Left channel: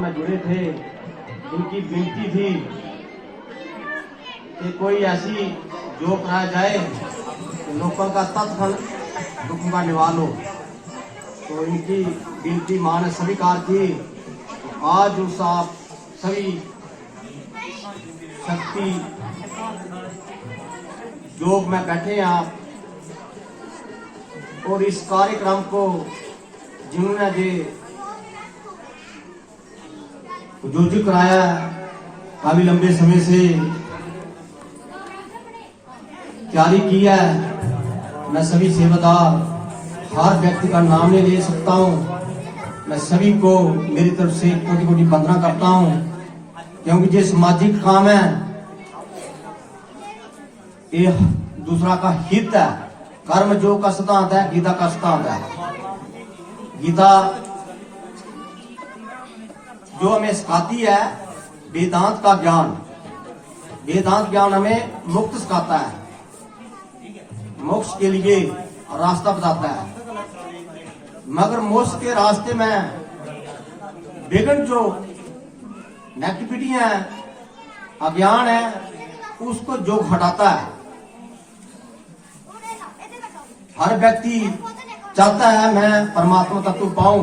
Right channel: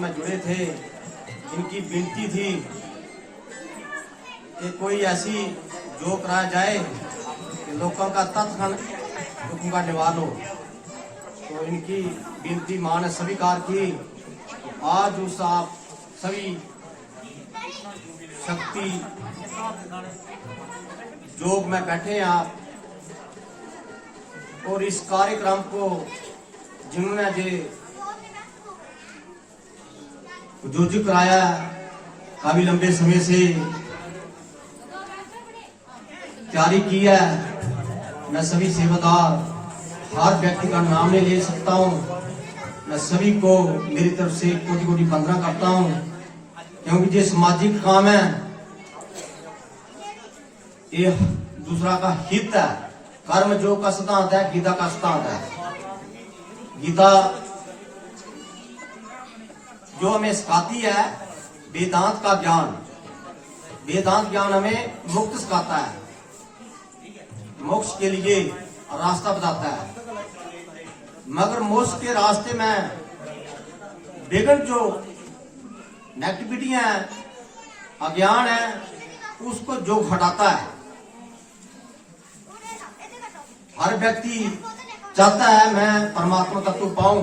में जुड़े थे, इनकी विनती थी कि कोई ऐसी जो करा जाए कि लोगों का तत्क्षण दुखों का निवारण हो। तो इनकी विनती मां ने स्वीकार की। तो आज उस आप सभी शक्ति योग में बैठे हैं आप, और इस कार्यक्रम को जिन्होंने जो कराया काफी लंबे समय से तैयारी की है। मैं सभी सेवादार हर व्यक्ति का नाम नहीं ले सकता हूँ। मैं सभी को मेरी तरफ से कोटि कोटि वंदना करता हूँ, क्योंकि ये सामाजिक काम है, ये दूसरा का हित है। कर्म जो का सिद्धांत है, गीता का सिद्धांत है। गीता जो हमें सिखाती है वेदांत का ज्ञान। वेदांत ज्ञान हमें मुक्त सिखाता है, मोक्ष के लिए रास्ता बताता है। मगर मोक्ष के रास्ते में विघ्न जो नेगेटिविटी है, अज्ञान है, उसको जो हटाता है। हर व्यक्ति चाहता है मैं परमात्मा तत्व पाऊं,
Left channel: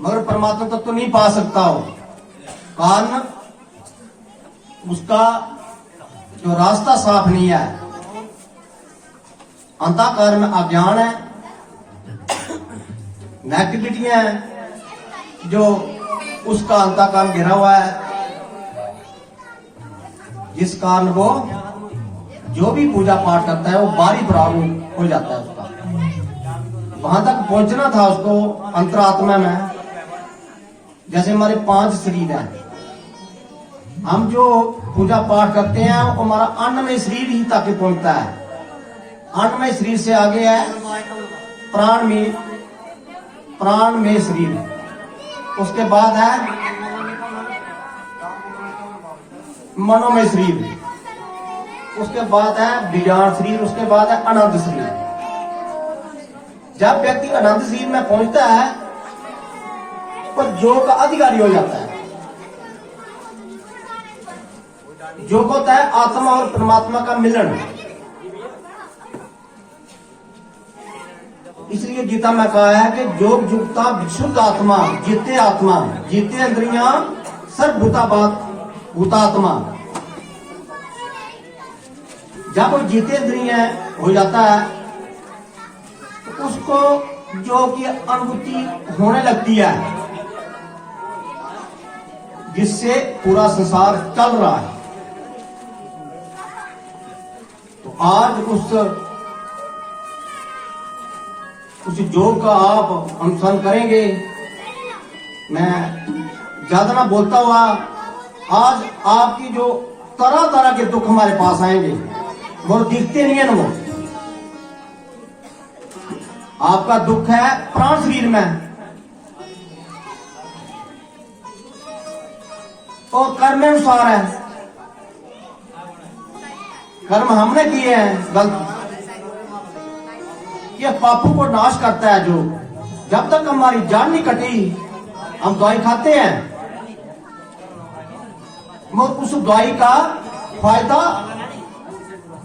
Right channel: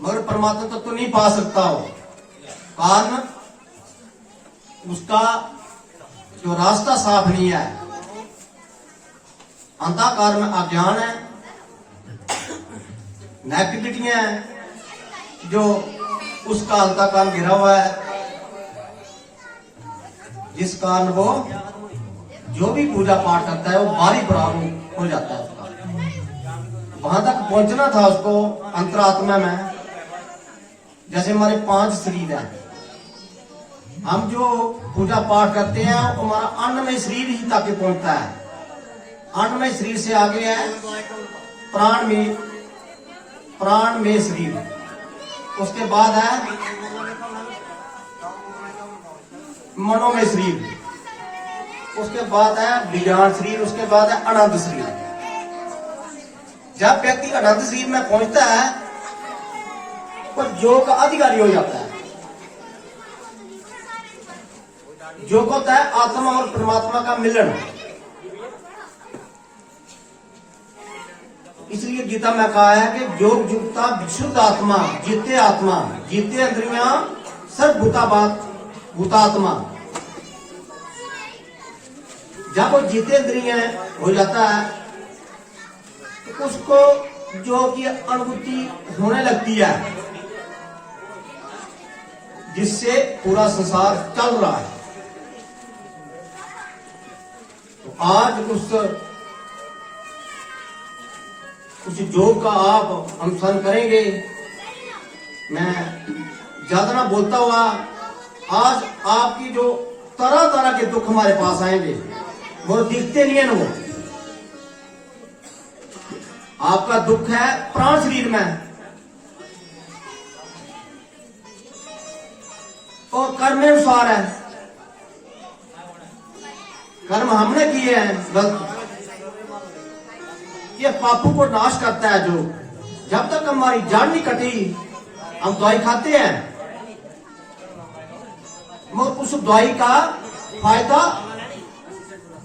मगर परमात्मा तत्व नहीं पा सकता हो। कारण उसका जो रास्ता साफ नहीं है, अंतःकरण में अज्ञान है, नेगेटिविटी है, जो उसका अंतःकरण घिरा हुआ है, जिस कारण वो जो भी पूजा पाठ करता है वो बारी बराबर हो जाता है। उसका वहां तक पहुंचना था उसको अंतरात्मा में। जैसे हमारे 5 शरीर हैं, हम जो पूजा पाठ करते हैं वो हमारा अन्नमय शरीर ही तक पहुंचता है। अन्नमय शरीर से आगे है प्राणमय शरीर, उसके बाद है मनोमय शरीर, उसके बाद है विज्ञान शरीर, उसके बाद है अनंत शरीर। जब व्यक्ति अनंत शरीर में पहुंचता है तो योग का अधिकारी हो जाता है। योग होता है आत्मा और परमात्मा का मिलन। इसलिए गीता में कहा है कि योग युक्ता विशुद्ध आत्मा जीते इंद्रियां सर्वभूता भूतात्मा। जब वो जीते इंद्रियां हो जाता है तो उसको जो की अनुभूति होने लगती है, जिससे पूरा संसार चल रहा है। तो आज उस योग का आप अनुसरण करेंगे। मैं ज्यादा ना बोलता हुआ, आज आपकी जो तरह तरह के दुख हमारे पास आएंगे, वो दिखते नहीं है ना। वो आपका दुख है प्राण शरीर में, और कर्म अनुसार है। कर्म हमने किए हैं गलत, ये पापों को नाश करता है। जो जब तक हमारी जान नहीं कटी, हम दवाई खाते हैं, मगर उस दवाई का फायदा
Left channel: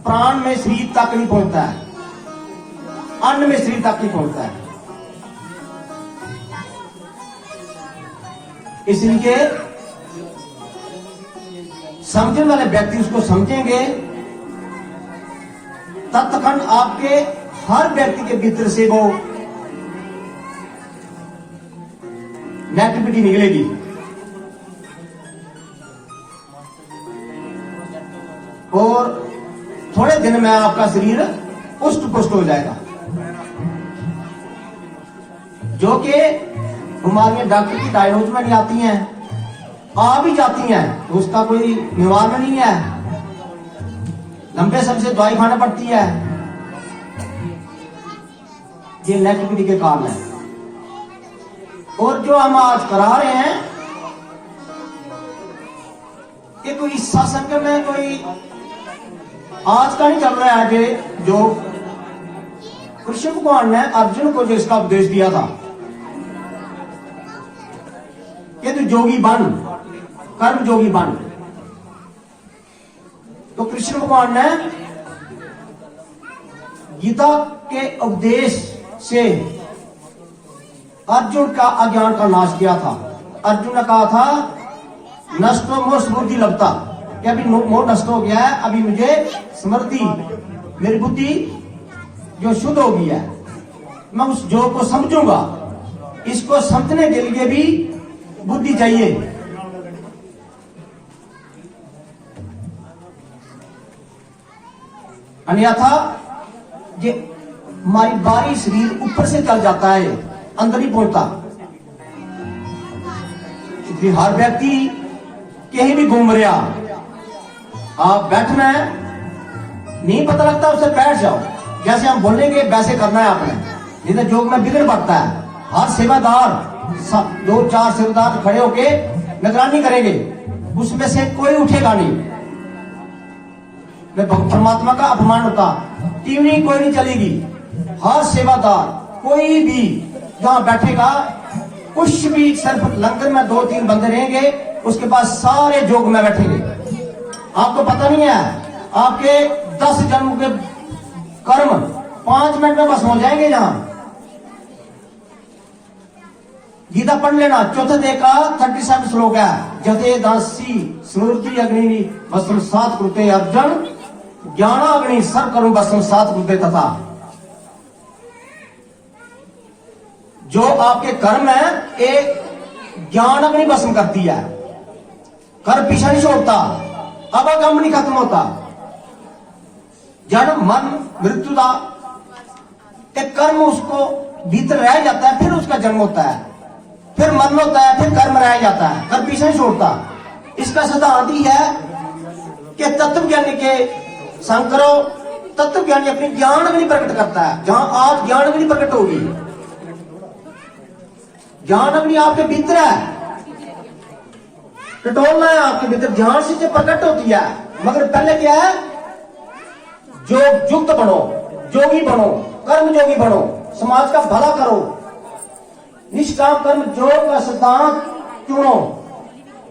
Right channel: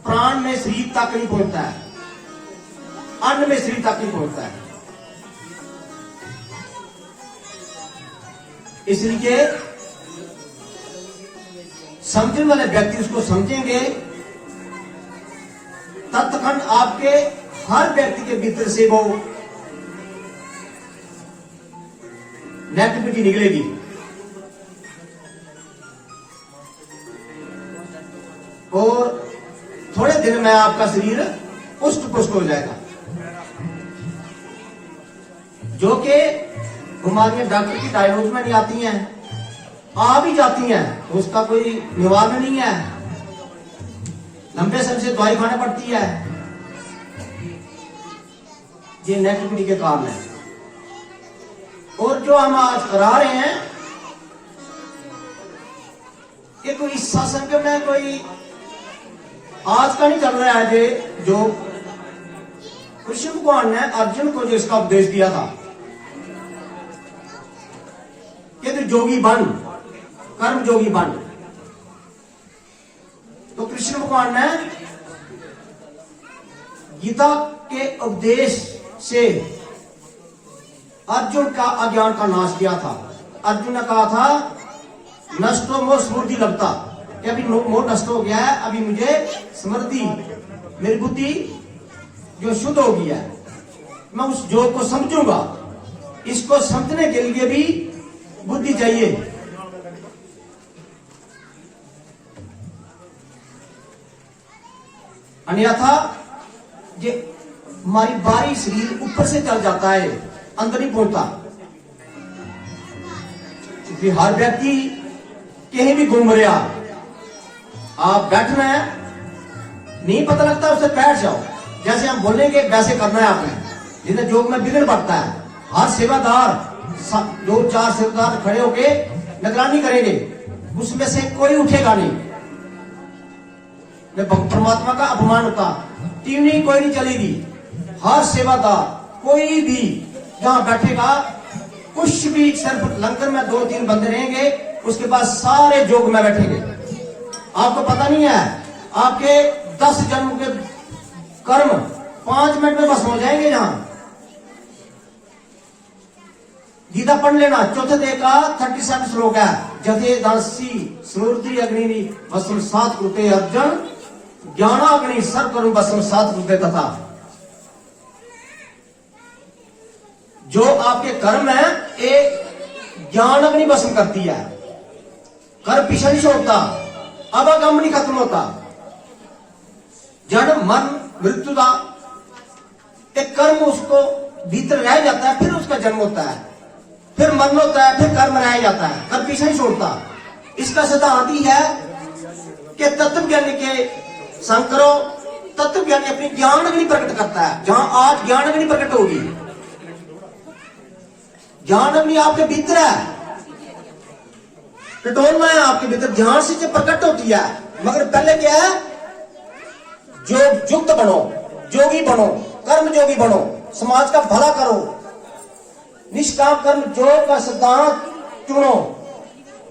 प्राण में शरीर तक नहीं पहुंचता है, अन्न में शरीर तक नहीं पहुंचता है। इसलिए समझने वाले व्यक्ति उसको समझेंगे, तत्क्षण आपके हर व्यक्ति के भीतर से वो नेगेटिविटी निकलेगी। और थोड़े दिन में आपका शरीर पुष्ट पुष्ट हो जाएगा। जो कि बीमारियां डॉक्टर की डायग्नोज में नहीं आती हैं, आ भी जाती हैं तो उसका कोई निवारण नहीं है, लंबे समय से दवाई खाना पड़ती है। ये नेगेटिविटी के कारण है। और जो हम आज करा रहे हैं, ये कोई सत्संग में कोई आज का नहीं चल रहा है। जो कृष्ण भगवान ने अर्जुन को जो इसका उपदेश दिया था, यदि जोगी बन, कर्म जोगी बन। तो कृष्ण भगवान ने गीता के उपदेश से अर्जुन का अज्ञान का नाश किया था। अर्जुन ने कहा था नष्टो मोह स्मृति लगता, कि अभी मोह नष्ट हो गया है, अभी मुझे स्मृति, मेरी बुद्धि जो शुद्ध हो गई है, मैं उस योग को समझूंगा। इसको समझने के लिए भी बुद्धि चाहिए। अन्यथा ये हमारी बाहरी शरीर ऊपर से चल जाता है, अंदर ही पहुंचता। क्योंकि हर व्यक्ति कहीं भी घूम रहा, आप बैठना है, नहीं पता लगता उसे बैठ जाओ। जैसे हम बोलेंगे वैसे करना है आपने, जिससे योग में बिगड़ पड़ता है। हर सेवादार, 2-4 सेवादार खड़े होके निगरानी करेंगे, उसमें से कोई उठेगा नहीं, परमात्मा का अपमान होता। टीवी कोई नहीं चलेगी। हर सेवादार कोई भी जहां बैठेगा, कुछ भी सिर्फ लंगर में 2-3 बंदे रहेंगे, उसके बाद सारे जोग में बैठेंगे। आपको पता नहीं है, आपके 10 जन्म के कर्म 5 मिनट में बस हो जाएंगे। जहां गीता पढ़ लेना, चौथे अध्याय का 37 श्लोक है। जते दासी स्मृति अग्नि भस्म सात कृते अर्जुन, ज्ञानाग्नि सर्व कर्म भस्म सात कृते तथा। जो आपके कर्म है, एक ज्ञान अग्नि भस्म करती है। कर्म पीछा नहीं छोड़ता, अवगम नहीं खत्म होता। जड़ मन मृत्यु का एक कर्म उसको भीतर रह जाता है, फिर उसका जन्म होता है, फिर मरण होता है, फिर कर्म रह जाता है, कर्म पीछा नहीं छोड़ता। इसका सिद्धांत ही है कि तत्व ज्ञानी के संकरो, तत्व ज्ञानी अपनी ज्ञान अग्नि प्रकट करता है। जहां आज ज्ञान अग्नि प्रकट होगी, ज्ञान अग्नि आपके भीतर है, टटोलना है आपके भीतर, ध्यान से जब प्रकट होती है। मगर पहले क्या है, जो युक्त बनो, जोगी बनो, कर्म जोगी बनो, समाज का भला करो, निष्काम कर्म योग का सिद्धांत चुनो,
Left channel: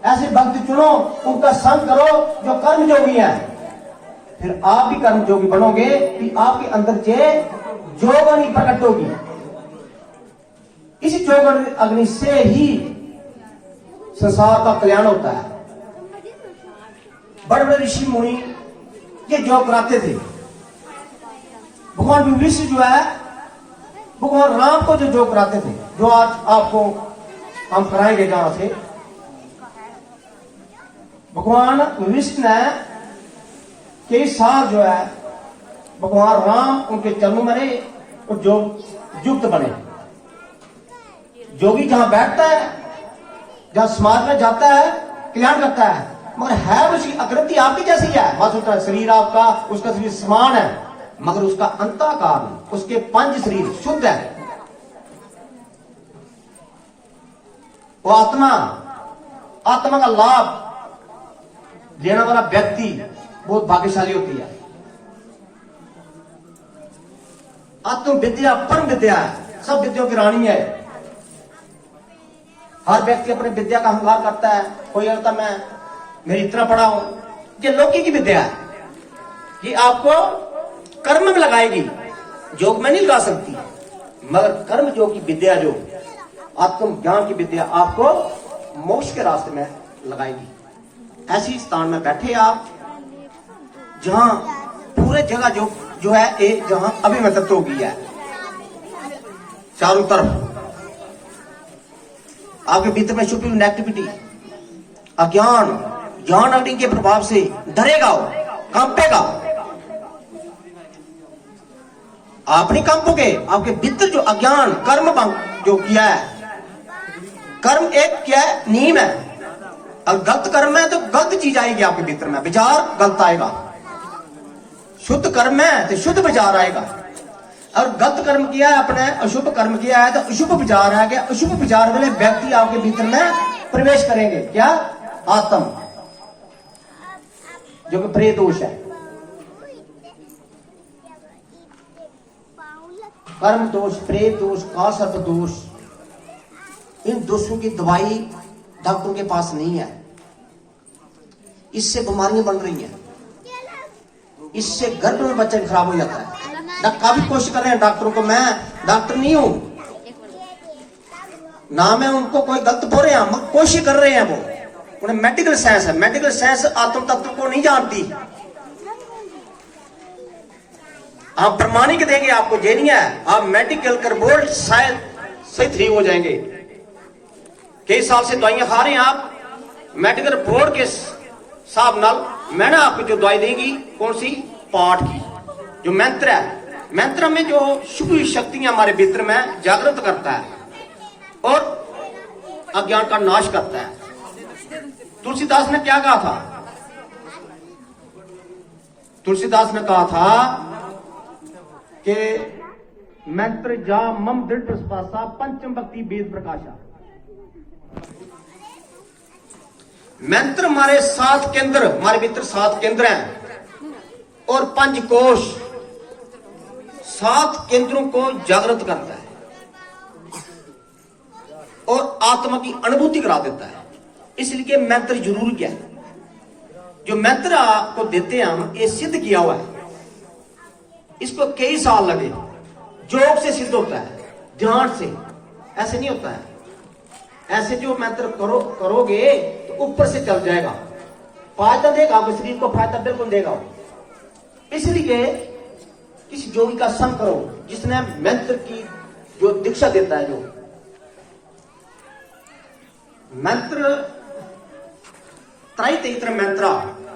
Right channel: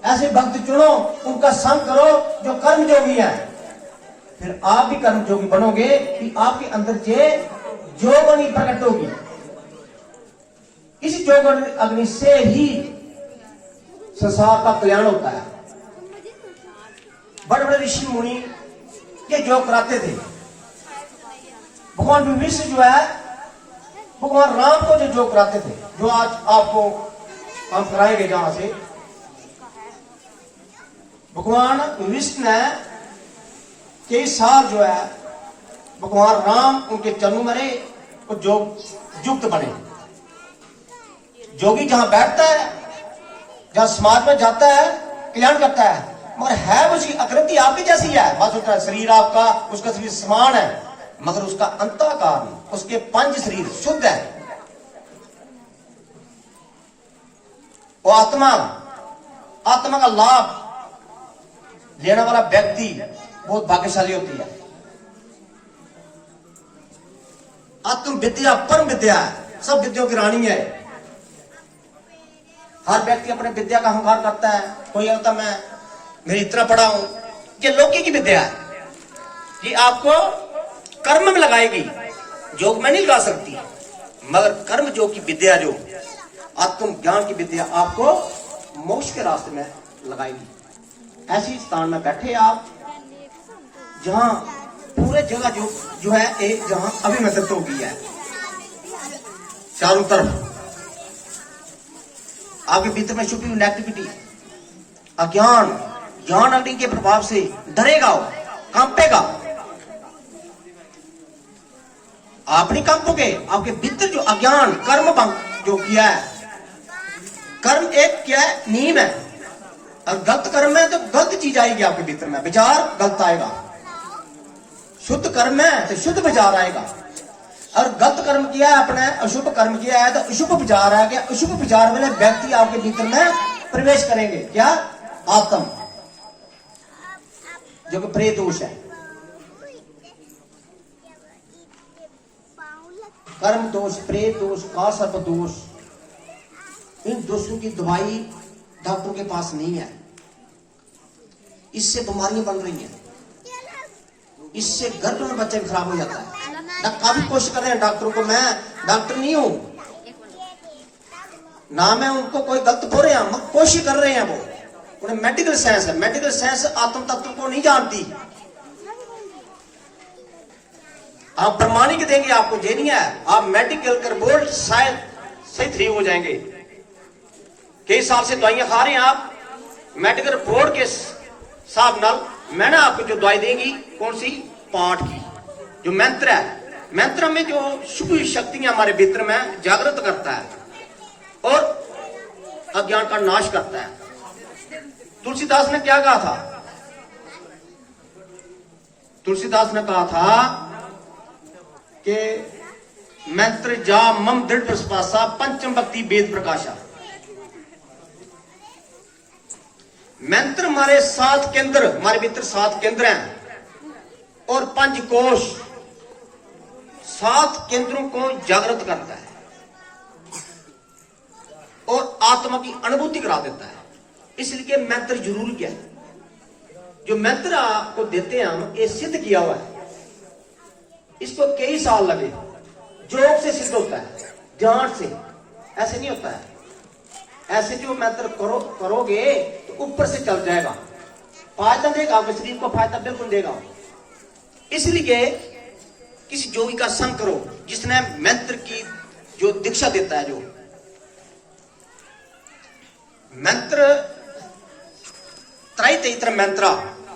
ऐसे भक्त चुनो, उनका संग करो जो कर्म जोगी है। फिर आप भी कर्म जोगी बनोगे, कि आपके अंदर से जोग अग्नि प्रकट होगी। इस जोग अग्नि से ही संसार का कल्याण होता है। बड़े बड़े ऋषि मुनि ये योग कराते थे। भगवान विष्णु जो है, भगवान राम को जो योग कराते थे, जो आज आपको हम कराएंगे जहां से। भगवान विष्णु ने कई साल जो है, भगवान राम उनके चरणों में रहे और योग युक्त बने। जोगी जहां बैठता है, जहां समाज में जाता है, कल्याण करता है, मगर है उसकी आकृति आपकी जैसी है। बस उसका शरीर आपका, उसका शरीर समान है, मगर उसका अंतःकरण, उसके पंच शरीर शुद्ध है। वो आत्मा का लाभ लेने वाला व्यक्ति बहुत भाग्यशाली होती है। आत्म विद्या परम विद्या है, सब विद्याओं की रानी है। हर व्यक्ति अपनी विद्या का अहंकार करता है। कोई कहता मैं इतना पढ़ा हूं, ये लौकिक की विद्या है, ये आपको कर्म में लगाएगी, योग में नहीं लगा सकती। मगर कर्म योग की विद्या, जो आत्म ज्ञान की विद्या, आपको मोक्ष के रास्ते में लगाएगी। ऐसी स्थान में बैठे आप, जहां पूरे जगह जो है एक जहां अभिमतत्व हो गया है, चारों तरफ आपके भीतर में छुपी हुई नेगेटिविटी, अज्ञान, ज्ञान अग्नि के प्रभाव से डरेगा, कांपेगा। आप नहीं कांपोगे, आपके भीतर जो अज्ञान कर्म जो किया है, कर्म एक क्या है, नीम है। अगर गलत कर्म है तो गलत चीज आएगी आपके भीतर में, विचार गलत आएगा। शुद्ध कर्म है तो शुद्ध विचार आएगा। और गलत कर्म किया है अपने, अशुभ कर्म किया है तो अशुभ विचार आ गया। अशुभ विचार वाले व्यक्ति आपके भीतर में प्रवेश करेंगे। क्या? आत्म, जो कि प्रेत दोष है, कर्म दोष, प्रेत दोष, काल सर्प दोष। इन दोषों की दवाई डॉक्टरों के पास नहीं है। इससे बीमारियां बन रही हैं, इससे गर्भ में बच्चा खराब हो जाता है। काफी कोशिश कर रहे हैं डॉक्टरों को, मैं डॉक्टर नहीं हूं ना, मैं उनको कोई गलत बोल रहे हैं, कोशिश कर रहे हैं वो, उन्हें मेडिकल साइंस है। मेडिकल साइंस आत्म तत्व को नहीं जानती। आप प्रमाणिक देंगे, आपको ये नहीं है, आप मेडिकल कर बोर्ड शायद सही ठीक हो जाएंगे। कई साल से दवाइयां खा रहे हैं आप, मेडिकल बोर्ड के हिसाब नाल मैंने आपको जो दवाई देगी, कौन सी, पाठ की, जो मंत्र है, मंत्र में जो शुभ शक्तियां हमारे भीतर में जागृत करता है और अज्ञान का नाश करता है। तुलसीदास ने क्या कहा था? तुलसीदास ने कहा था कि मंत्र जा मम दृढ़ विश्वासा पंचम भक्ति वेद प्रकाशा। मंत्र हमारे 7 केंद्र, हमारे भीतर 7 केंद्र हैं और 5 कोश 7 केंद्रों को जागृत करता है और आत्मा की अनुभूति करा देता है। इसलिए मंत्र जरूर क्या है, जो मंत्र आपको देते हैं हम, ये सिद्ध किया हुआ है, इसको कई साल लगे, योग से सिद्ध होता है, ध्यान से ऐसे नहीं होता है। ऐसे जो मंत्र करोगे तो ऊपर से चल जाएगा, फायदा देगा आपके शरीर को, फायदा बिल्कुल देगा। इसलिए किसी योगी का संग करो जिसने मंत्र की जो दीक्षा देता है, जो मंत्र त्रैतैत्र मंत्रा,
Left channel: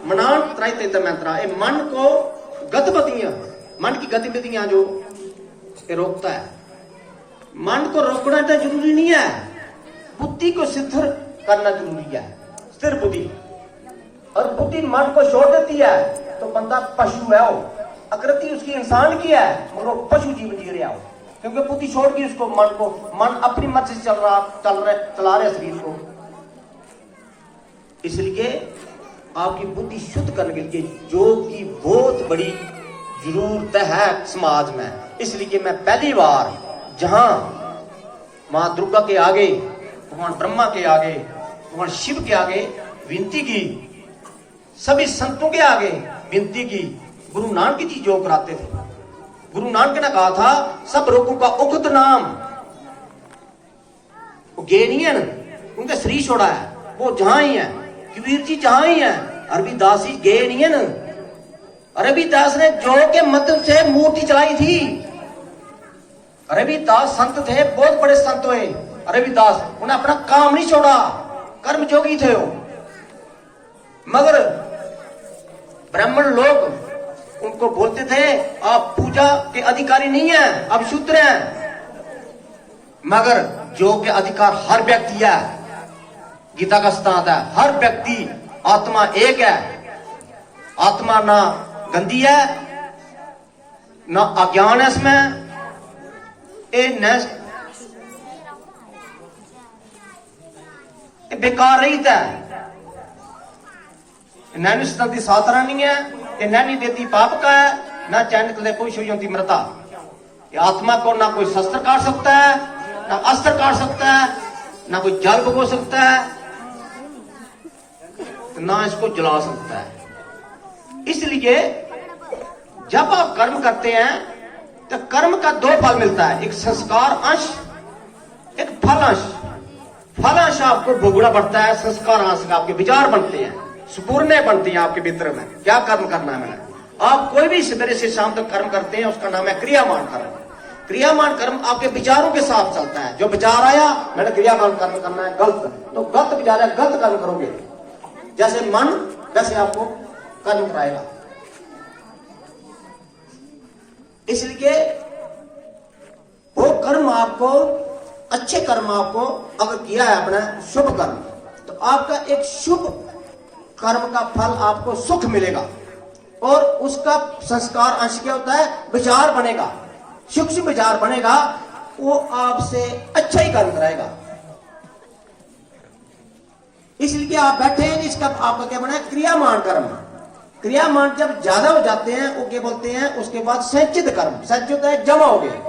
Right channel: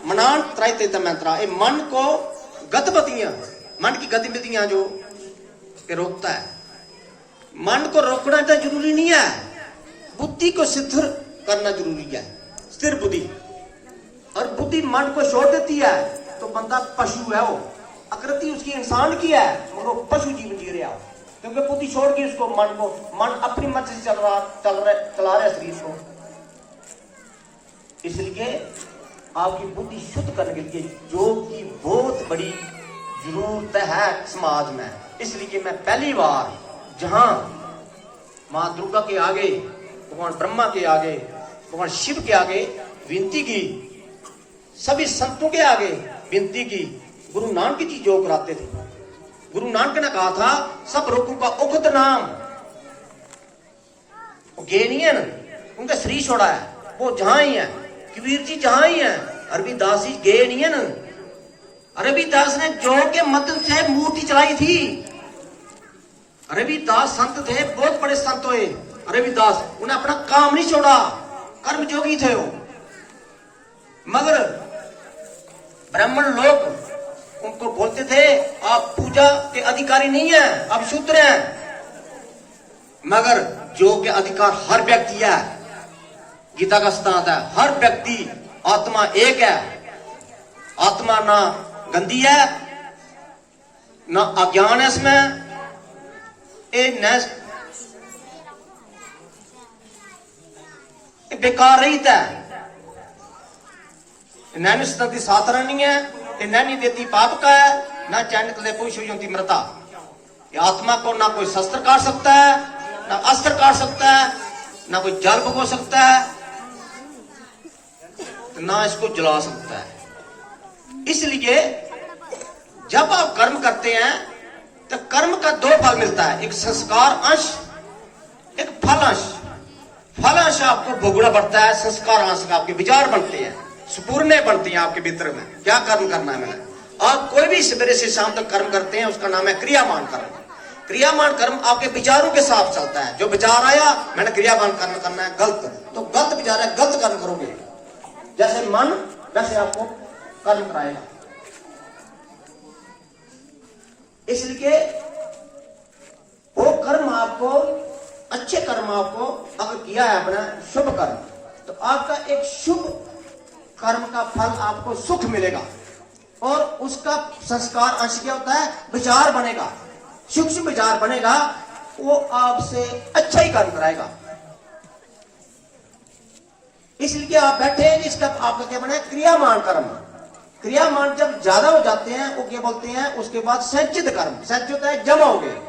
मनान त्रैतैत्र मंत्रा, ये मन को गतिविधियां, मन की गतिविधियां जो रोकता है। मन को रोकना तो जरूरी नहीं है, बुद्धि को स्थिर करना जरूरी है, स्थिर बुद्धि। और बुद्धि मन को छोड़ देती है तो बंदा पशु है, वो आकृति उसकी इंसान की है मगर वो पशु जीवन जी रहा हो, क्योंकि बुद्धि छोड़ गई उसको, मन अपनी मर्जी से चला रहे शरीर को। इसलिए आपकी बुद्धि शुद्ध करने के लिए योग की बहुत बड़ी जरूरत है समाज में। इसलिए मैं पहली बार जहां मां दुर्गा के आगे, भगवान ब्रह्मा के आगे, भगवान शिव के आगे विनती की, सभी संतों के आगे विनती की, गुरु नानक की चीज योग कराते थे। गुरु नानक ने कहा था सब रोगों का उखद नाम, वो गे नहीं है ना, उनका शरीर छोड़ा है, वो जहां ही है, कबीर जी जहां ही है, रविदास जी गे नहीं है ना। रविदास ने योग के मध्य से मूर्ति चलाई थी। रविदास संत थे, बहुत बड़े संत हुए रविदास, उन्हें अपना काम नहीं छोड़ा, कर्म जोगी थे वो। मगर ब्राह्मण लोग उनको बोलते थे आप पूजा के अधिकारी नहीं है, आप शूद्र हैं। मगर योग के अधिकार हर व्यक्ति है, गीता का सिद्धांत है, हर व्यक्ति, आत्मा एक है, आत्मा ना गंदी है ना अज्ञान है इसमें, बेकार रहित है, नैनी स्तंति सातरा नहीं है, नैनी देती पाप का है, ना चैन कले पुरुष मृता। आत्मा को ना कोई शस्त्र काट सकता है, ना अस्त्र काट सकता है, ना कोई जल भगो सकता है, ना इसको जला सकता है। इसलिए जब आप कर्म करते हैं तो कर्म का 2 फल मिलता है, एक संस्कार अंश, एक फल अंश। फल अंश आपको भोगना पड़ता है, संस्कार अंश का आपके विचार बनते हैं, सुपूर्णे बनती हैं आपके भीतर में, क्या कर्म करना है मैंने। आप कोई भी सवेरे से शाम तक कर्म करते हैं, उसका नाम है क्रियामान कर्म। क्रियामान कर्म आपके विचारों के साथ चलता है, जो विचार आया मैंने क्रियामान कर्म करना है, गलत, तो गलत विचार है, गलत कर्म करोगे, जैसे मन वैसे आपको कर्म कराएगा। इसलिए वो कर्म आपको, अच्छे कर्म आपको अगर किया है अपना शुभ कर्म, तो आपका एक शुभ कर्म का फल आपको सुख मिलेगा, और उसका संस्कार अंश क्या होता है, विचार बनेगा, सूक्ष्म विचार बनेगा, वो आपसे अच्छा ही कर्म कराएगा। इसलिए आप बैठे हैं, इसका आपका क्या बना है, क्रियामान कर्म। क्रियामान जब ज्यादा हो जाते हैं वो क्या बोलते हैं, उसके बाद संचित कर्म। संचित है जमा हो गए,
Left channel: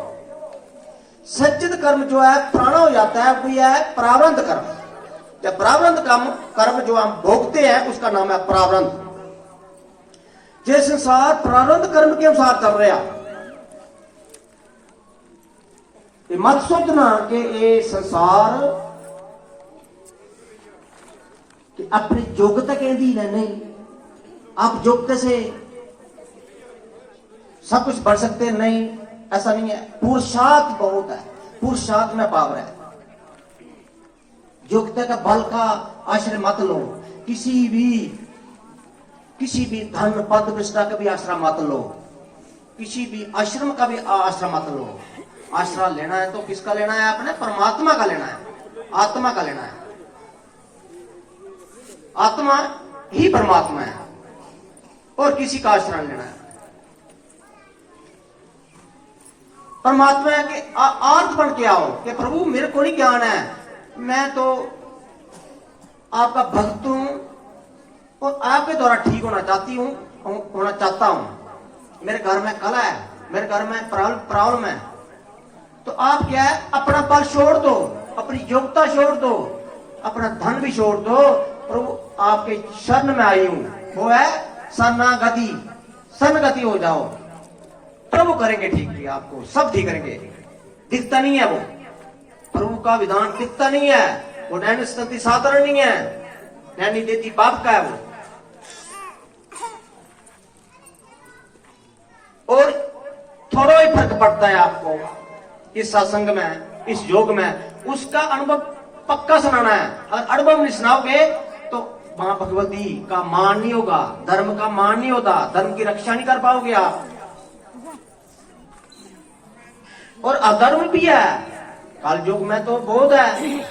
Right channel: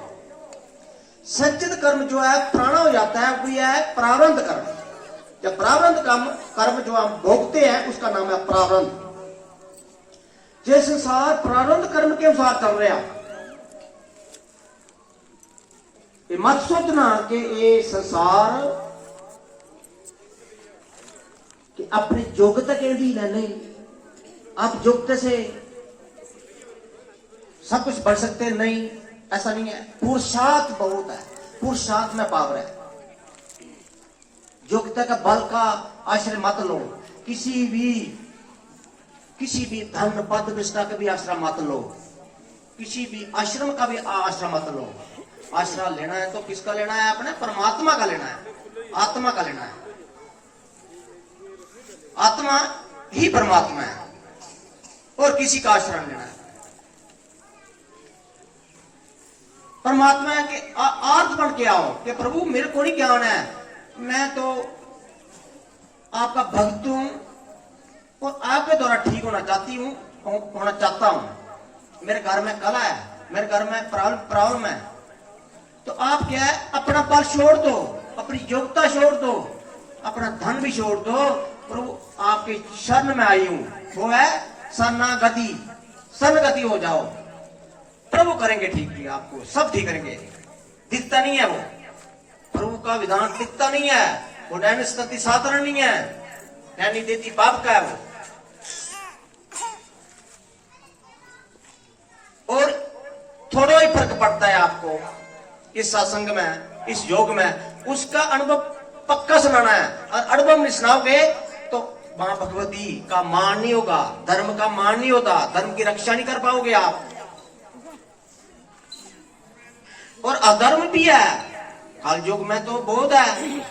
संचित कर्म जो है पुराना हो जाता है, वो है प्रारब्ध कर्म। जब प्रारब्ध कर्म जो हम भोगते हैं उसका नाम है प्रारब्ध। जे संसार प्रारब्ध कर्म के अनुसार चल रहा, मत सोचना कि ये संसार कि अपनी योग्यता कहती है, नहीं। आप योग्यता से सब कुछ बढ़ सकते हैं, नहीं, ऐसा नहीं है। पुरुषार्थ बहुत है, पुरुषार्थ में पावर है। योग्यता का बल का आश्रय मत लो, किसी भी धर्म पद प्रतिष्ठा का भी आश्रय मत लो, किसी भी आश्रम का भी आश्रय मत लो। आश्रय लेना है तो किसका लेना है? आपने परमात्मा का लेना है, आत्मा का लेना है। आत्मा ही परमात्मा है और किसी का आश्रय लेना है। परमात्मा के अर्थ बन के आओ कि प्रभु मेरे को नहीं ज्ञान है, मैं तो आपका भक्त हूं और आपके द्वारा ठीक होना चाहता हूं। मेरे घर में कला है, मेरे घर में प्रॉब्लम है, तो आप क्या है, अपना बल छोड़ दो, अपनी योग्यता छोड़ दो, अपना धन भी छोड़ दो। प्रभु आपके शरण में आई हूं, वो है सन्नगति हो जाओ। प्रभु करेंगे ठीक जी, आपको सब ठीक करेंगे। दिखता नहीं है वो, प्रभु का विधान दिखता नहीं है, वो नैन स्थिति साधारण नहीं है, नैनी देती बाप का है वो। और थोड़ा ही फर्क पड़ता है आपको इस सत्संग में, इस योग में। उसका अनुभव पक्का सुनाना है, और अनुभव नहीं सुनाओगे तो मां भगवती का मान नहीं होगा, धर्म का मान नहीं होता, धर्म की रक्षा नहीं कर पाओगे आप। और अधर्म भी है काल युग में, तो बहुत है।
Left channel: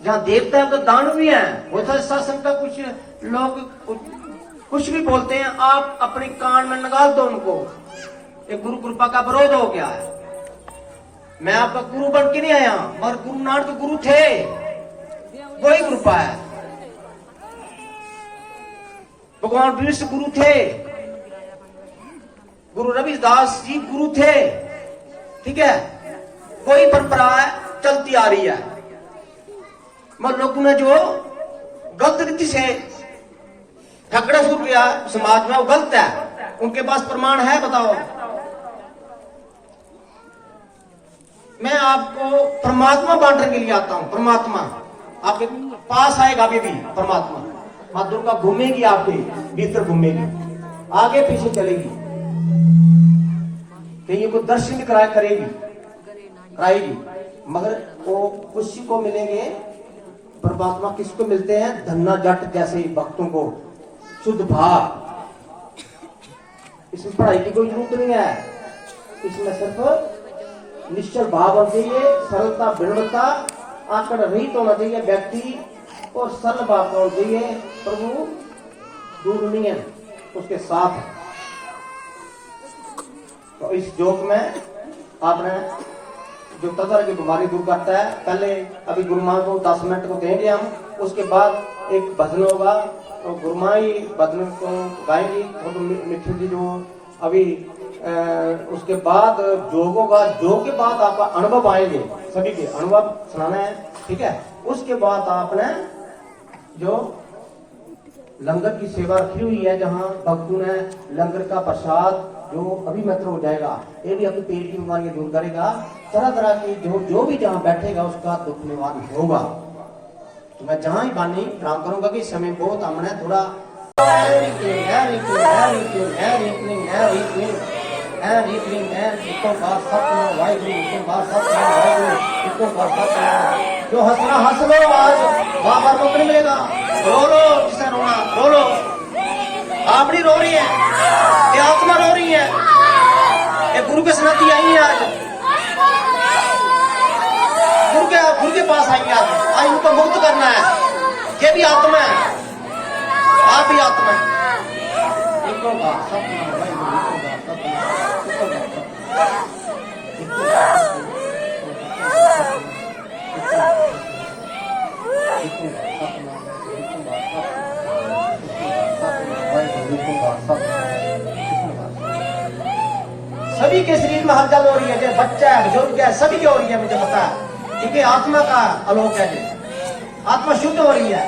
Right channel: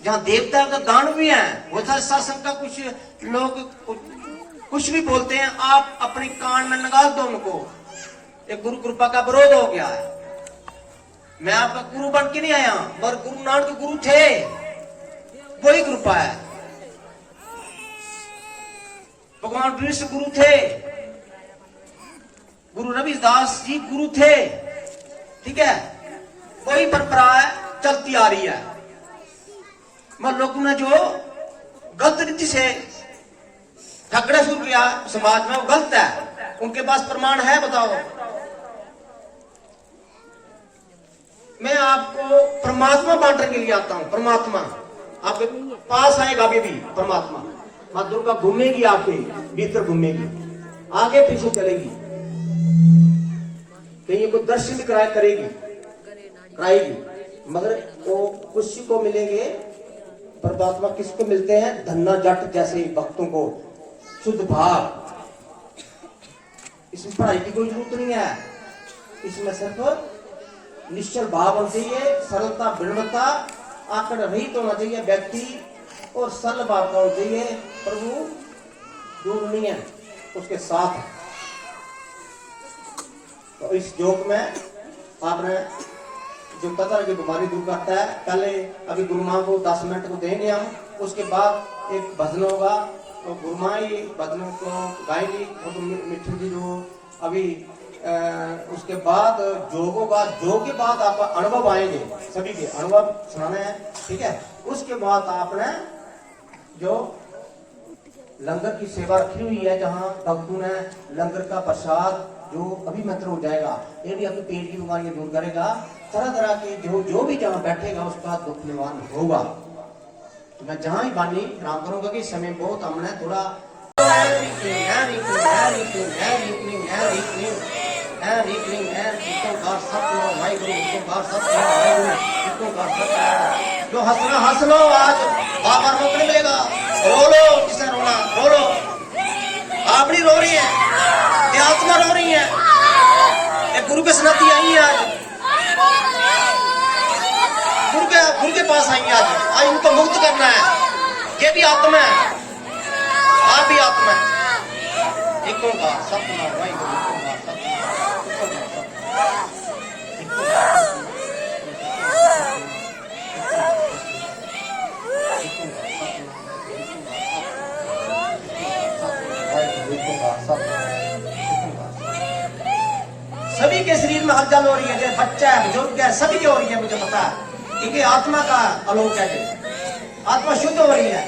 जहां देवता है तो दानव भी है। वो सत्संग का कुछ लोग कुछ भी बोलते हैं, आप अपने कान में निकाल दो उनको। एक गुरु कृपा का विरोध हो गया है। मैं आपका गुरु बन के नहीं आया, पर गुरु नानक गुरु थे, वही कृपा है। भगवान विष्णु गुरु थे, गुरु रविदास जी गुरु थे, ठीक है। कोई परंपरा चलती आ रही है, मगर लोगों ने जो गलत रीति से झगड़ा शुरू किया समाज में, वो गलत है। उनके पास प्रमाण है, बताओ। मैं आपको परमात्मा बांटने के लिए आता हूं। परमात्मा आपके पास आएगा अभी भी। परमात्मा मां दुर्गा घूमेगी, आपके भीतर घूमेगी, आगे पीछे चलेगी, कहीं कोई दर्शन भी कराएगी, मगर वो किसी को मिलेंगे। परमात्मा किसको मिलते हैं? धन्ना जट जैसे भक्तों को, शुद्ध भाव। इसमें पढ़ाई की कोई जरूरत नहीं है, इसमें सिर्फ निश्चल भाव होना चाहिए, सरलता, विनम्रता, आकड़ रहित होना चाहिए व्यक्ति, और सरल भाव का होना चाहिए। प्रभु दूर नहीं है, उसके साथ है। तो इस योग में आपने जो तरह की बीमारी दूर करता है, पहले अभी गुरु मां को 10 मिनट को देंगे हम, उसके बाद एक भजन होगा और गुरु मां ही भजन को गाएंगी, मिठी जी जो अभी उसके बाद योग होगा। योग के बाद आपका अनुभव आएंगे, सभी के अनुभव सुनाना है, ठीक है। उसके बाद आपने जो लंगर की सेवा रखी हुई है, जहां भक्तों ने लंगर का प्रसाद जो अभी मंत्र हो जाएगा, ये भी अपने पेट की बीमारियां दूर करेगा। तरह तरह की जो भी जहां बैठेगा उसका दुख निवारण होगा। तो मैं जहां ही बानी नाम करूंगा कि समय बहुत हमने थोड़ा जो हंसना हंस लो, आज बाबा रोक नहीं मिलेगा। रो लो, किसे रोना, रो लो। आप नहीं रो रही है, ये आत्मा रो रही है, ये गुरु के सनाती आई है आज, गुरु के पास आई आज, आई उनको मुक्त करना है। ये भी आत्मा है, आप भी आत्मा है। एक ओंकार सतनाम वाहिगुरू, एक ओंकार सतनाम। सभी के शरीर में हलचल हो रही है, जैसे बच्चा है, बुजुर्ग है, सभी की हो रही है, मुझे पता है। ठीक है, आत्मा का आलोक है। आत्मा शुद्ध हो रही है।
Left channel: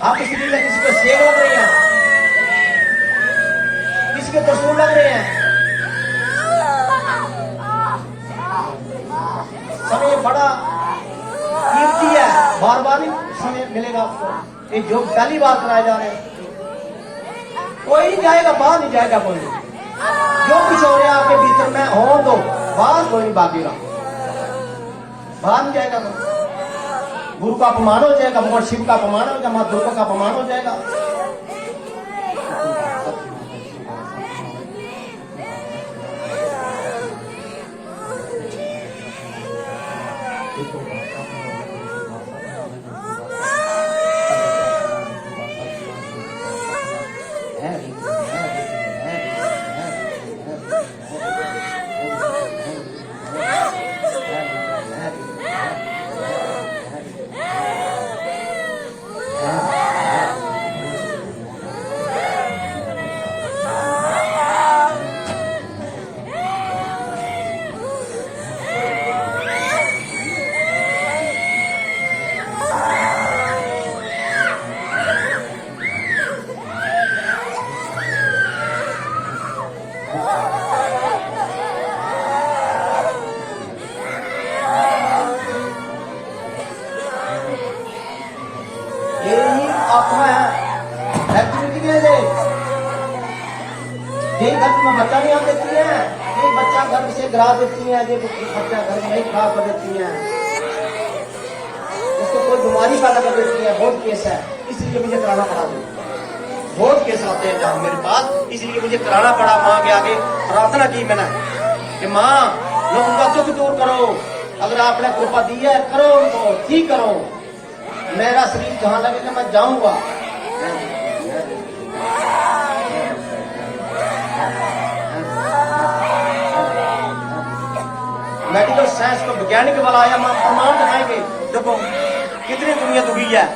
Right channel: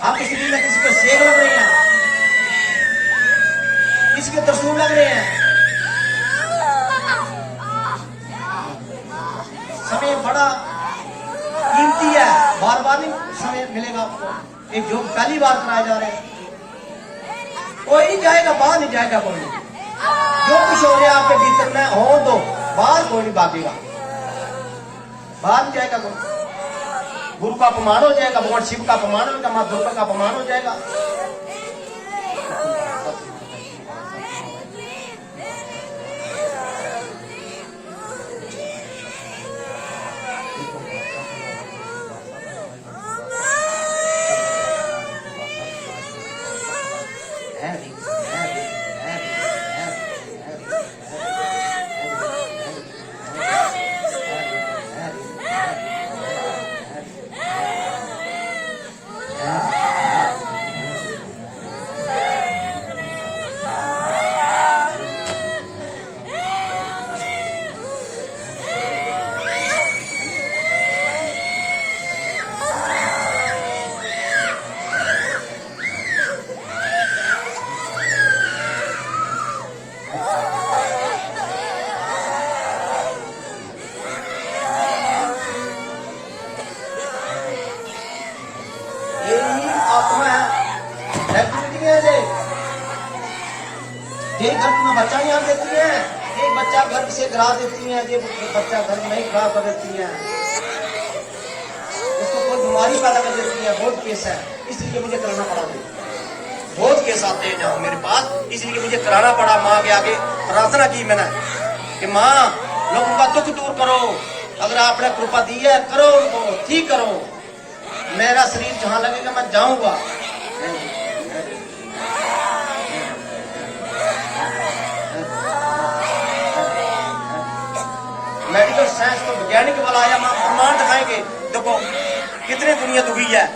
आपके शरीर में किसी को सेक लग रही है, किसी के त्रिशूल लग रहे हैं। समय बड़ा कीमती है, बार बार नहीं समय मिलेगा आपको। ये योग पहली बार कराए जा रहे हैं। कोई नहीं जाएगा, बाहर नहीं जाएगा कोई। जो कुछ हो रहा है आपके भीतर में हो दो, बाहर कोई नहीं भागेगा, बाहर नहीं जाएगा। तो गुरु का अपमान हो जाएगा, भगवान शिव का अपमान हो जाएगा, मां दुर्गा का अपमान हो जाएगा। में बच्चा नहीं आने देती है, एक बच्चा घर से गिरा देती है, एक बच्चा घर में नहीं खराब कर देती है, उसको कोई बीमारी पैदा कर देती है। बहुत केस है, इसलिए मुझे कराना पड़ा। बहुत केस आते हैं जहाँ मेरे पास, इसलिए मुझे कराना पड़ा। माँ के आगे प्रार्थना की मैंने कि माँ लोगों का दुख दूर करो, अगर आपने कृपा दी है करो, उनको ठीक करो। मेरा शरीर जहाँ लगेगा मैं जाऊंगा। मेडिकल साइंस तो वैज्ञानिक वाला आया, मैं प्रमाण दिखाएंगे। देखो कितनी दुनिया दुखी है।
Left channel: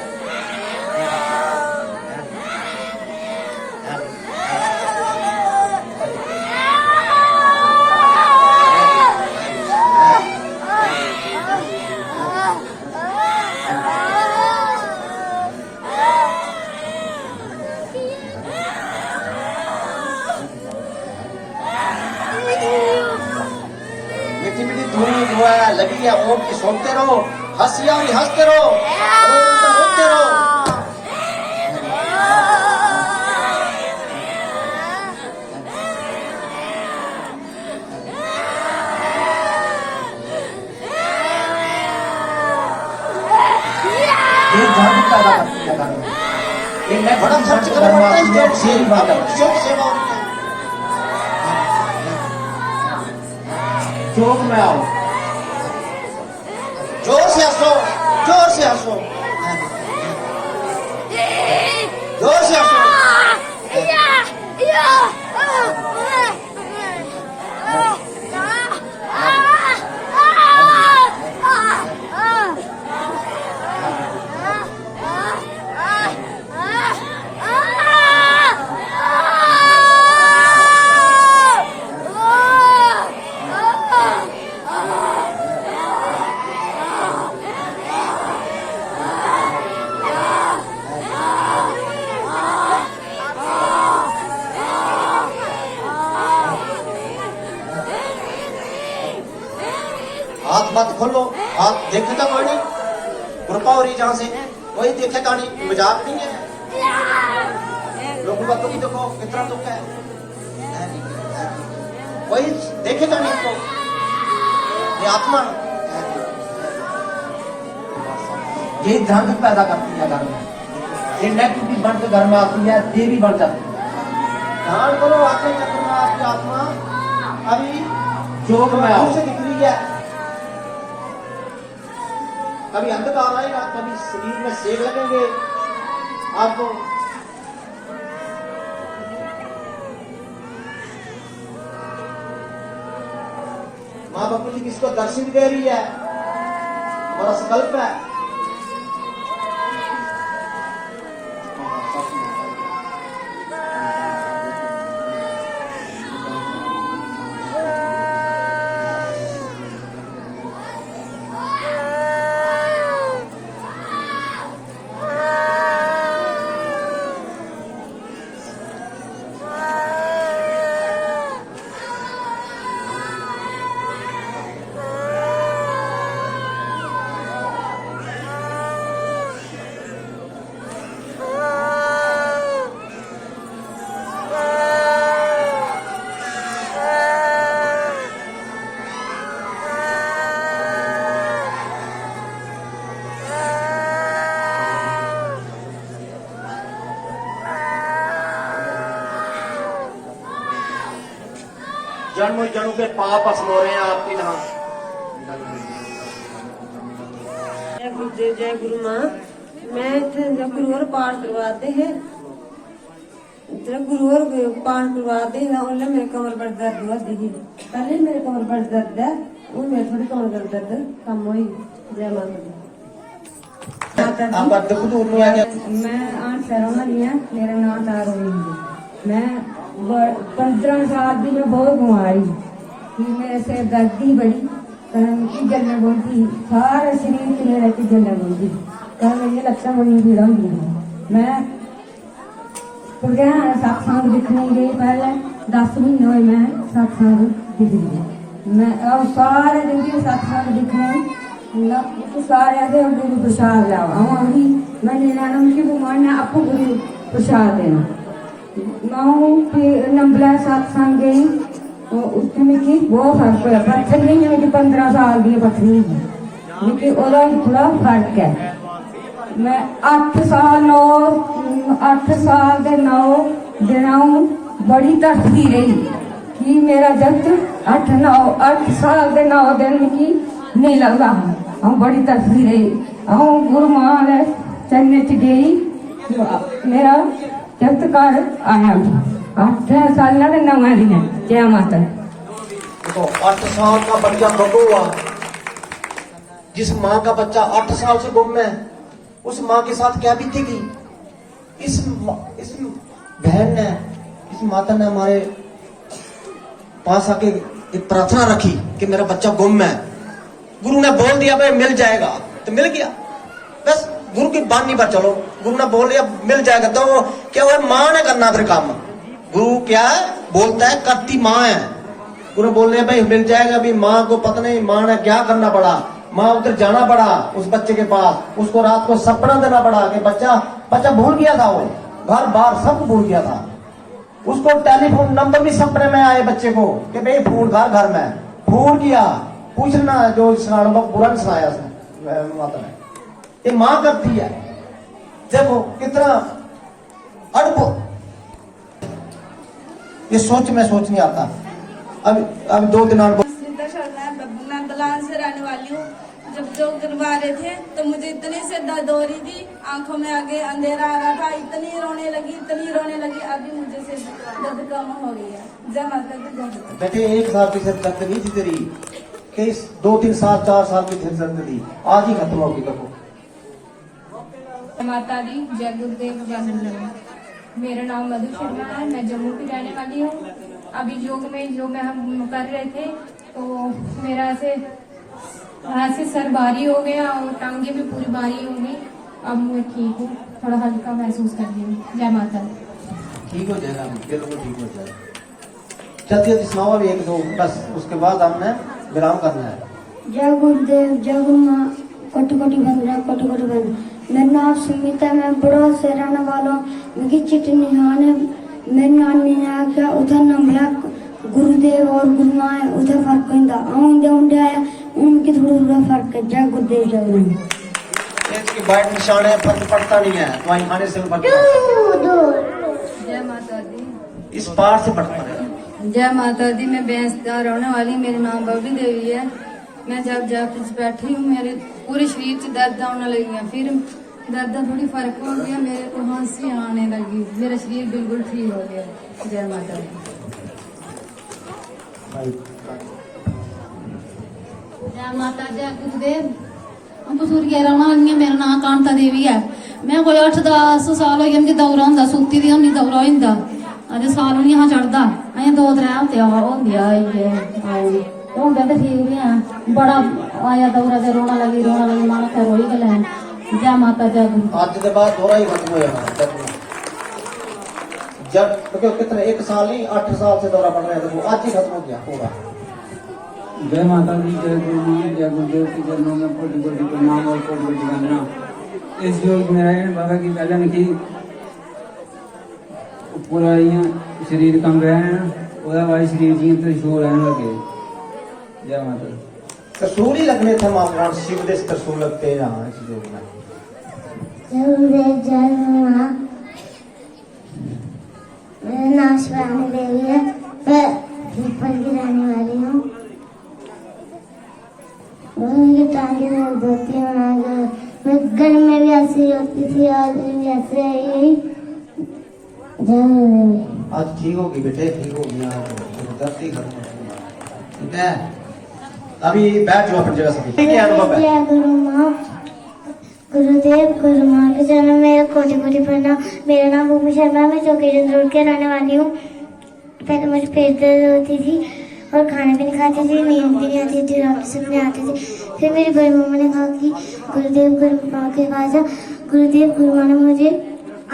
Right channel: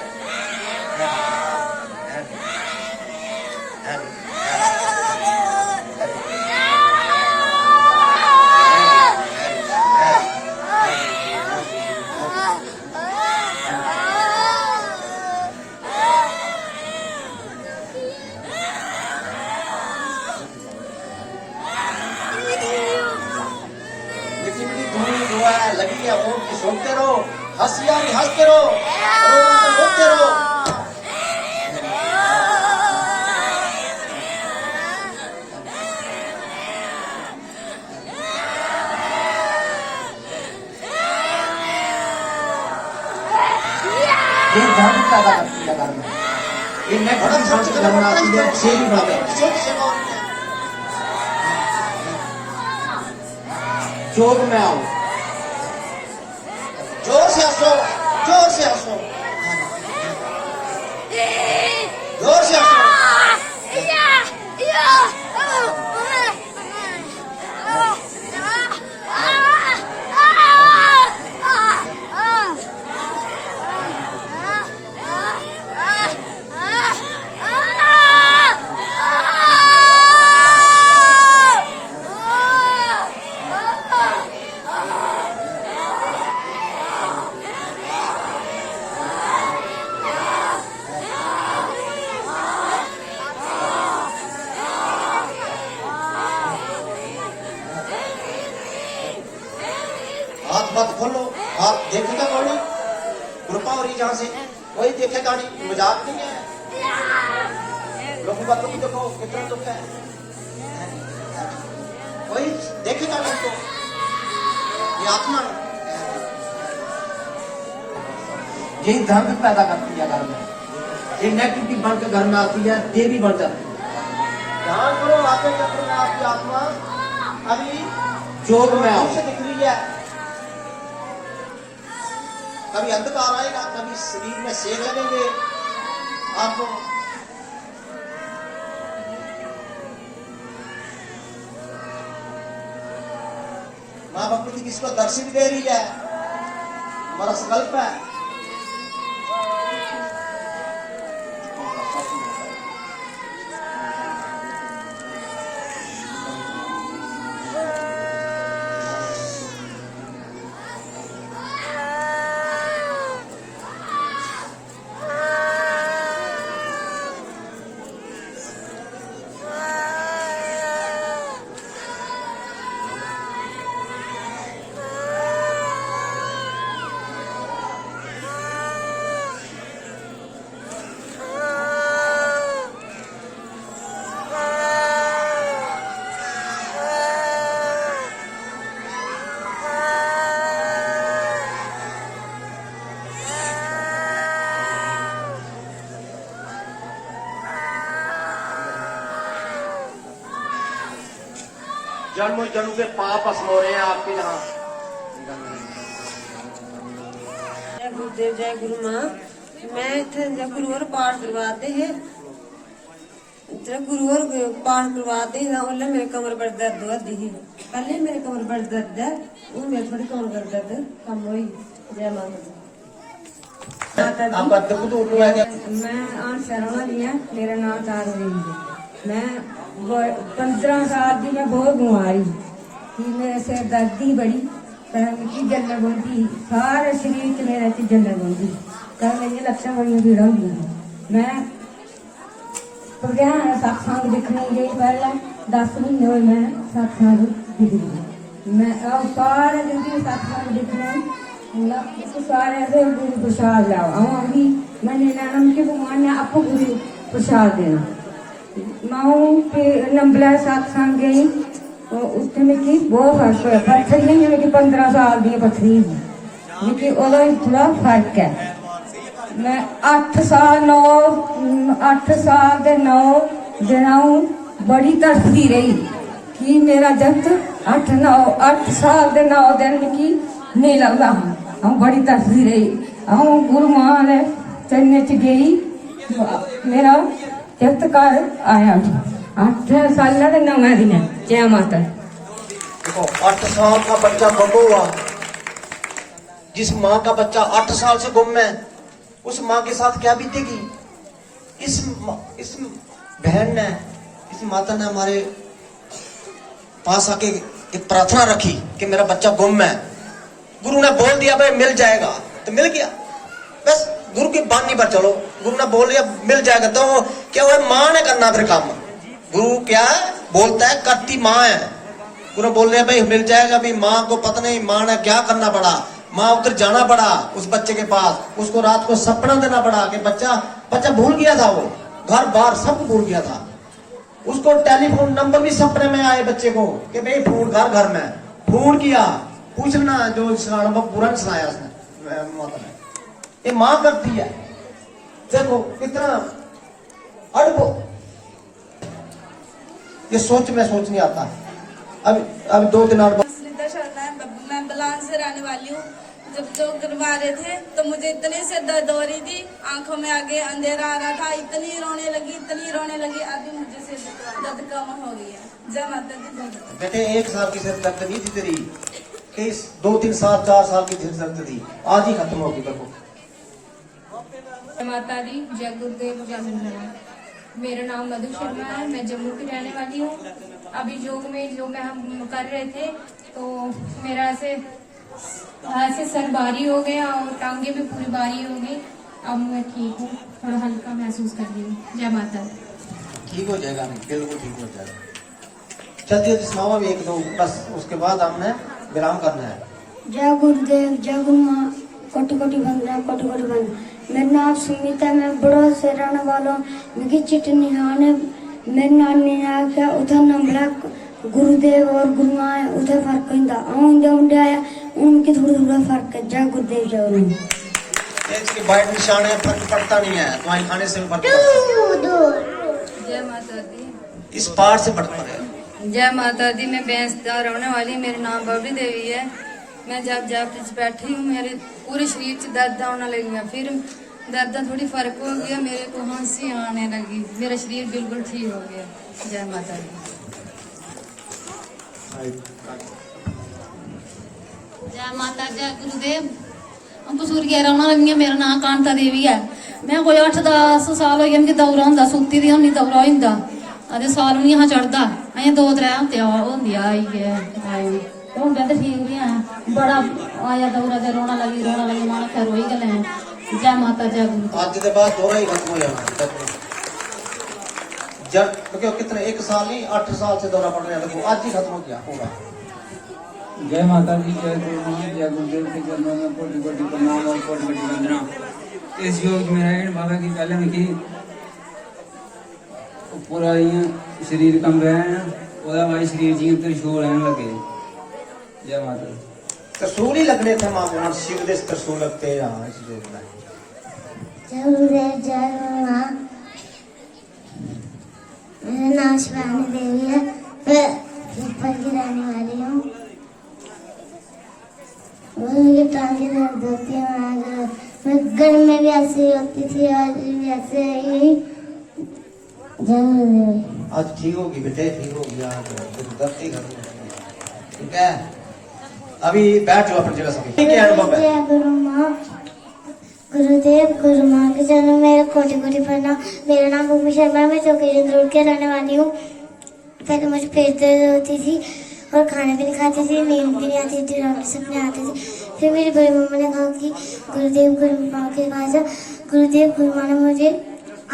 लगी है ओम की सुनते रहो, हंसिया भी हंसते रहो, रोते रोते रहो। ये धर्म पैदा करती है, ये मैं बड़ा खर्च करना सेवा योग में आओ, जोर से हंसो, जोर से हंसो, जोर से हंसो। हाथ मत खोलो, हाथ देखेगा कोई नहीं, कृपा हो रही जहां से कोई देखेगा नहीं, मजाक नहीं है। लोगों का दुख देखो कितना दुख है, कोई देखेगा नहीं तो। ये आत्मा ये धर्म पैदा करती है घर में, ये नेगेटिविटी बन के घर में आती है, देवी बन जाती है। ध्यान करो, आगे चक्र में आपकी आत्मा अभी योग में आओ से दिख रही है। कभी अंधकार आएगा, कभी शरीर में सेक लगेंगे आपको। मां भगवती किसको दर्शन दे रही है, हमारा संकल्प है। जन्मों जन्म के पाप असमो रहे हैं आपकी नाम। जय गुरुदेव जय गुरु माँ। मैं इतने जब गुरुवर पाठ करवाते हैं, जब गुरुवर पाठ करवाते हैं ना मेरे कमर पर दर्द होती है। पहले मेरे कमर पर दर्द है, वो मेरे थोड़ी कमर पर दर्द कम हुई। जय माता मैं आज शर्मा लिया, मेरा नाम तारवीर है। मैं 15 साल की मैं बहुत बीमारी कि मेरे से दर्द ही बड़ी चीजन में बोलती, सारे शरीर च मेरे चीजन में बोलती, मेरी लक्षण बड़ी भीड़ होती है। मैं सत्संग दिखने गई, पहले 10 महीने हुए मैं सत्संग दिख गई। मैं अब सारे दिन सत्संग दिखने सारे ऐसे गुरु प्रसाद लाओ अभी मैंने लेना उनकी भगवान ने आपको गुरु प्रसाद देना। मैं फिर नंबला सत्संग गई, उसने मेरी बहुत फर्क है। पत्थर नहीं है मेरी 15 साल की पत्थरी है, लेकिन उसका थोड़ा फर्क है। मैं 8 साल के 9 दिन बड़ी तरसती रही कि मेरा जब 8 साल के 9 दिन की नहीं लगा। हम बड़ी तरसती रही, हम गुरु मां ने चलने च गई, मेरा चमत्कार आया। 8 साल के 9 दिन। जय माता। देखो 8 साल का बच्चा गुम हुआ, जिस माँ का बच्चा 8 साल से गुम है, उस माँ के साथ क्या बीतेगी। इस बहन ने, इस माता ने हमारे पास आके एक प्रार्थना रखी कि मेरा बच्चा गुम है। गुरु ने बोल दिया भाई मिल जाएगा, तो मिल गया। बस गुरु की बानी पर चलो, गुरु ने बोल दिया मिल जाएगा, तो क्या वो माँ ने करना फिर काम। गुरु क्या बोलता है, करती माँ है। गुरु बोल रहे भाई मिल जाएगा। भी माँ को पता नहीं माँ ने क्या करना पड़ा, माँ उधर जाना पड़ा उस बच्चे के पास, उसको रात को सपना देना पड़ा कि बच्चा भूल गया था, वो घर बार सब भूल गया था। उसको टेलीफोन नंबर भी सपने में आए बच्चे को कि भाई फोन घर में फोन किया, पूछना जो बुरा नहीं सुनाया उसने माता ने। ये माँ करती है। देखो कितना अड़बो, ये सोच नहीं आता। अब 2 दिन और मैं बलान से रहने वाली हूँ। जब जो करवा रहे थे तो मुझे इतनी से दर्द हो रही थी, आंखों में आगे अंधेरा आ रहा था, इतनी रोने लगी। अभी मुझे से दर्द कम हो गई है। जय माता दी। बेटे 1 साल की सिर्फ दर्द नहीं थी तेरी, 2-3 साल 4 साल की दर्द थी, आज ही खत्म होगी। देखो माता दी जय गुरुदेव जय गुरुदेव। मेरा नाम मधु शर्मा है, मैं जम्मू की रहने वाली हूँ। अभी योग में जो हम कर रहे थे तो मेरा ऐसे सर भारी हो गया और टांगे भी पूरी भारी हो गई। अब मैं ठीक हूँ, थोड़ा हल्का महसूस कर रही हूँ। जय माता। ठीक हो जाएगा, बिल्कुल ठीक हो जाएगा। चलिए सुनाओ भी 1-2 बस, उसके बाद हमने विराम करना है। जय गुरुदेव जय गुरु माँ। कोटि बंद। मेरा नाम सुमिता, मैं बड़ा से रहने वाला हूँ। मेरी चिटनी हाने मेरे नानी ने आख्या उधर नंबरा गुरुदेव और गुरु माँ उधर फर्क होंगे आया उनकी थोड़ा फर्क है। जय गुरुदेव जय गुरु। इसकी बाइट निशान है, फर्क पड़ता नहीं है, तुम्हारे खाने से फर्क पड़ता है। जय माता दी। इस पार से पड़ता है। जय माता दी। मैं बेंसदार रहने वाली, मेरा नाम बबली देवी है। मैं जब बैठी हूँ मेरे पूरे शरीर से दर्द आने लगी है, फिर दर्द थोड़ी फर्क हो गया, मेरे को हंसी आने लगी, मेरा शरीर बिल्कुल ठीक हो गया। जय माता दी। जय माता जय गुरुदेव। हम कसूर कह रहा हूँ, मेरा नाम कांता देवी है। मैं कोई 8-10 साल हो गए दौरा होंगे, सुती दी होनी दौरा होंदा, अजे साल भी यहाँ चढ़ता। अं 2-3 हफ्ते होंगे आए तो ठीक भी हैं। बड़ा आया दौरा से रोना लगी माना फिर रोई गल है। जय माता जय गुरु। आज के बाद दौरा ही खत्म हुआ जब क्योंकि कितने 1 साल नहीं 8 साल से दौरा पड़ रहा है, देखो आज ही खत्म हो गया पूरा। जय माता दी जय गुरु जय गुरुदेव के चरणों में कोटि प्रणाम और कोटि वंदना। इस योग में रहे बाबा की पहले में की पूरा शरीर कम गए हैं, भाई शरीर जी त्रिशूल रहने लगे। जय माता। त्रिशूल ही लगने थे मां, शिव के त्रिशूल लगते हैं यहाँ इस योग में। जय गुरुदेव जय गुरु माँ। मेरा नाम स्वामी देवी है, मैं की रहने जैसे यही आज ठीक होगी बेटे, ठीक होगी। आज गलती करो, ठीक है। अभी बैठ जाओ अपनी जगह सभी। क्या अनुभव है? जय गुरु माँ, गुरुदेव गुरु माँ के चरणों में कोटि कोटि प्रणाम। मेरा नाम भूमि शर्मा, मैं चौकीजन रोड के रहने वाली हूँ। पहले मुझे पेट दर्द होती थी और खाना भी नहीं खाती थी, नींद भी नहीं आती थी, डॉक्टर सपने आते थे। फिर मेरी बड़ी मम्मा ने कहा कि गुरुदेव गुरु माँ के पास जा। गुरुदेव गुरु माँ ने मुझे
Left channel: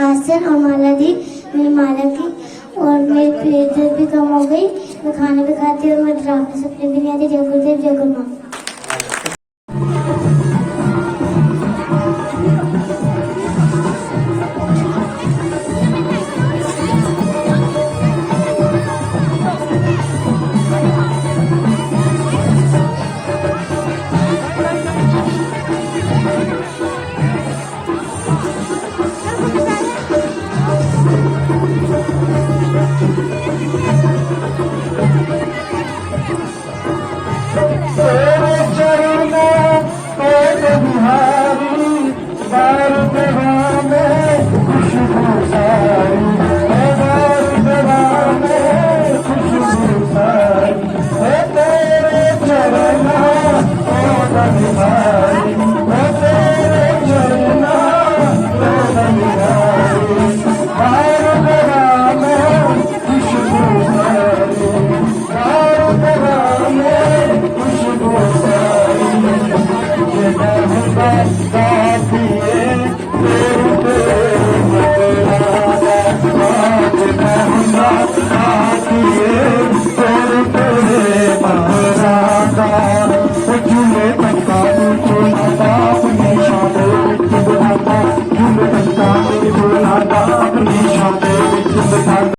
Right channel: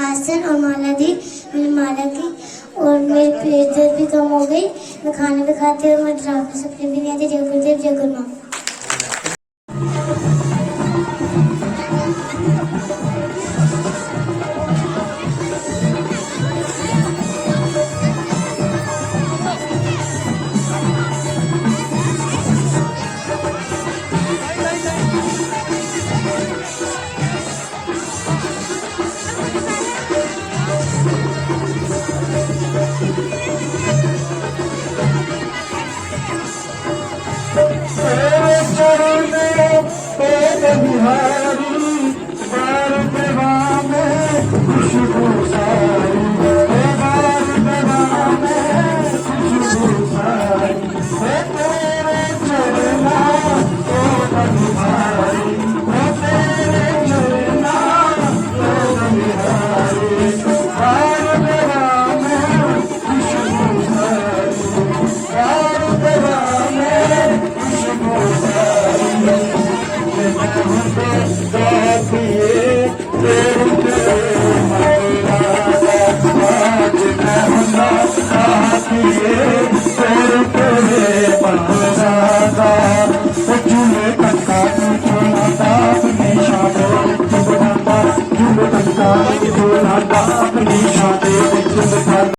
आसन और माला दी। मैंने माला की और मेरी पेट दर्द भी कम हो गई। मैं खाना भी खाती और मुझे डॉक्टर सपने भी नहीं आते। जय गुरुदेव जय गुरु माँ।